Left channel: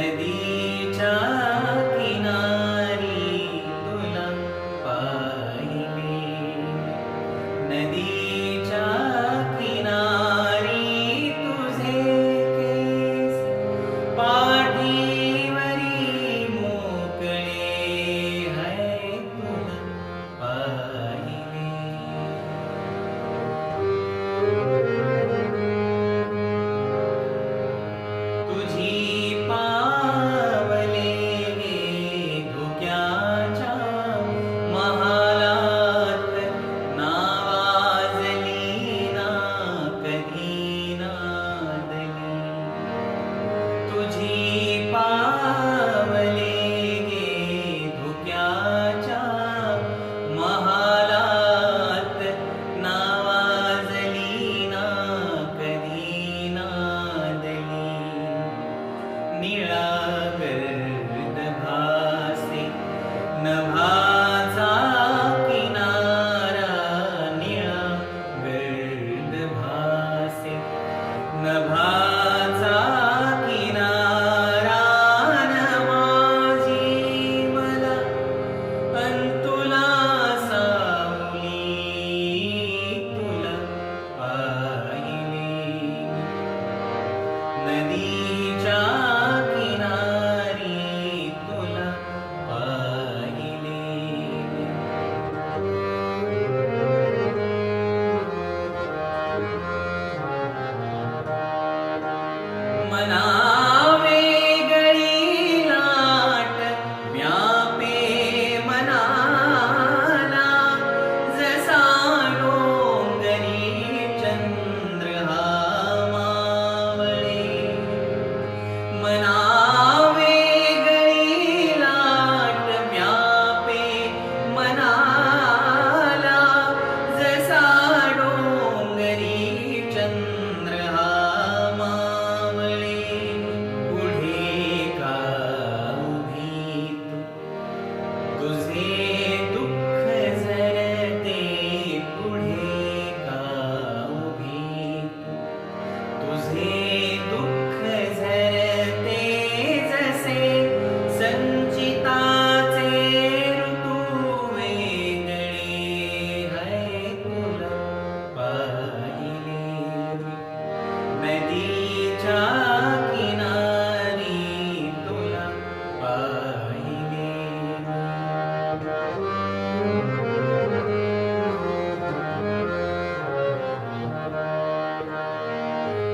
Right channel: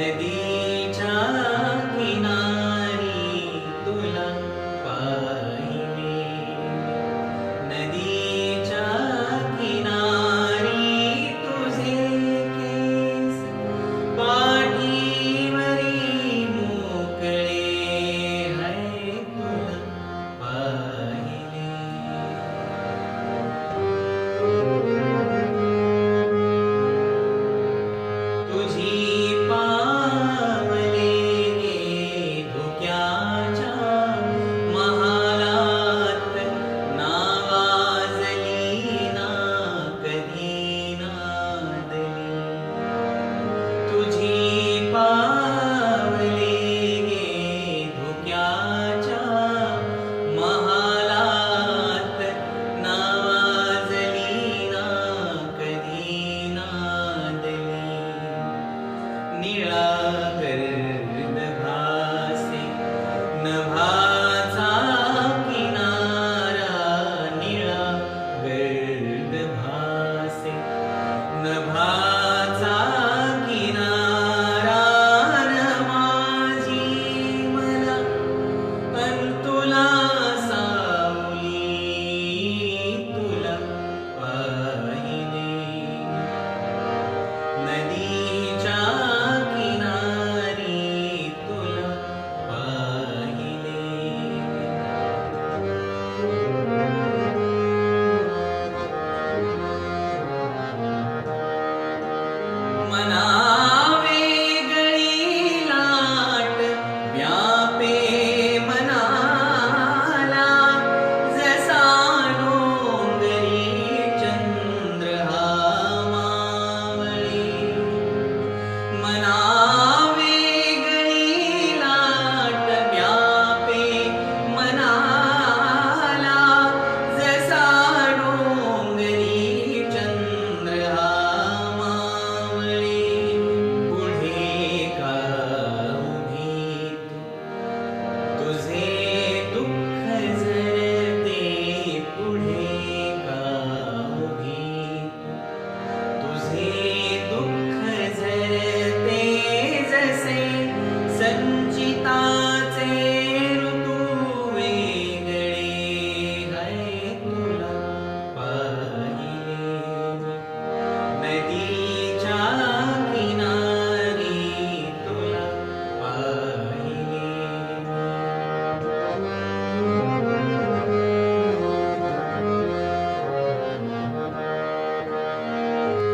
me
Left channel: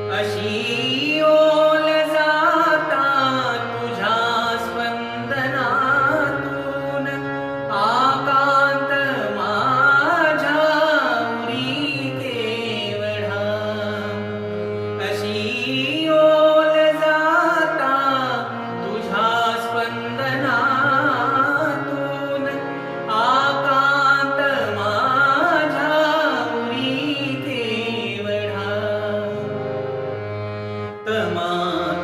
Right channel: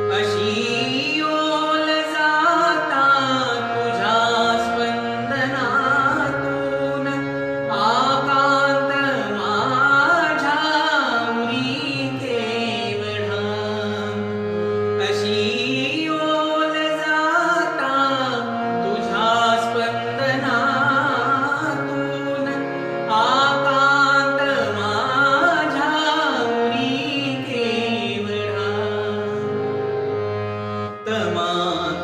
I see. Brahman.